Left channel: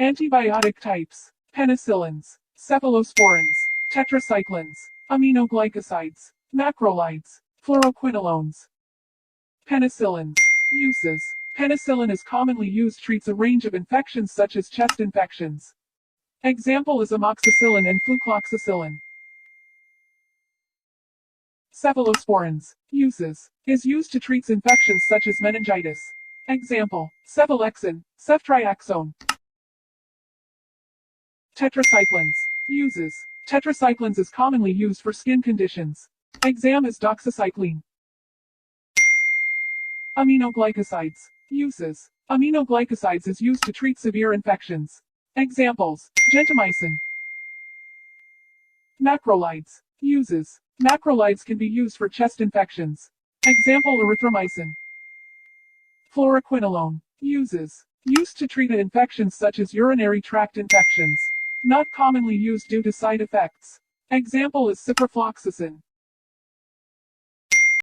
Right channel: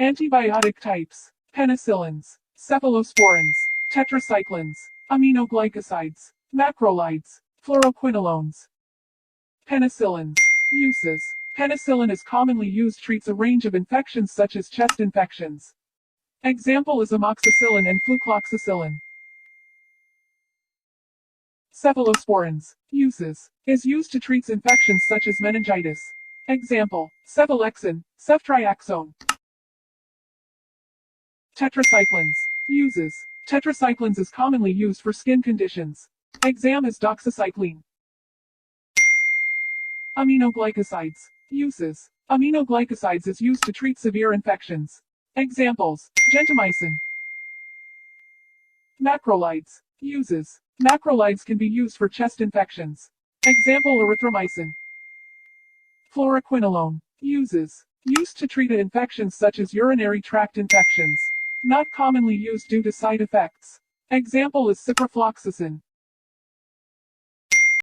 Antibiotic types: penicillins, cephalosporins, tetracyclines, aminoglycosides, macrolides, fluoroquinolones. Penicillins. Uses: penicillin is commonly used treats a range of infections such as chest infections. Example is amoxicillin and flucloxacillin. Cephalosporins. Uses: is used to treat infections such as meningitis. Example: cephalexin, ceftriaxone. Tetracyclines. Uses: tetracyclines is commonly used for skin conditions. Exam is doxycycline. Aminoglycosides. Uses: aminoglycosides is used to treat severe infections. Examples: gentamicin. Macrolides. Uses: macrolides can be used for chest infections. Example: erythromycin. Fluoroquinolone. Uses: used to treat infections such as urinary tract infections. Not commonly used due to side effects. Example is ciprofloxacin.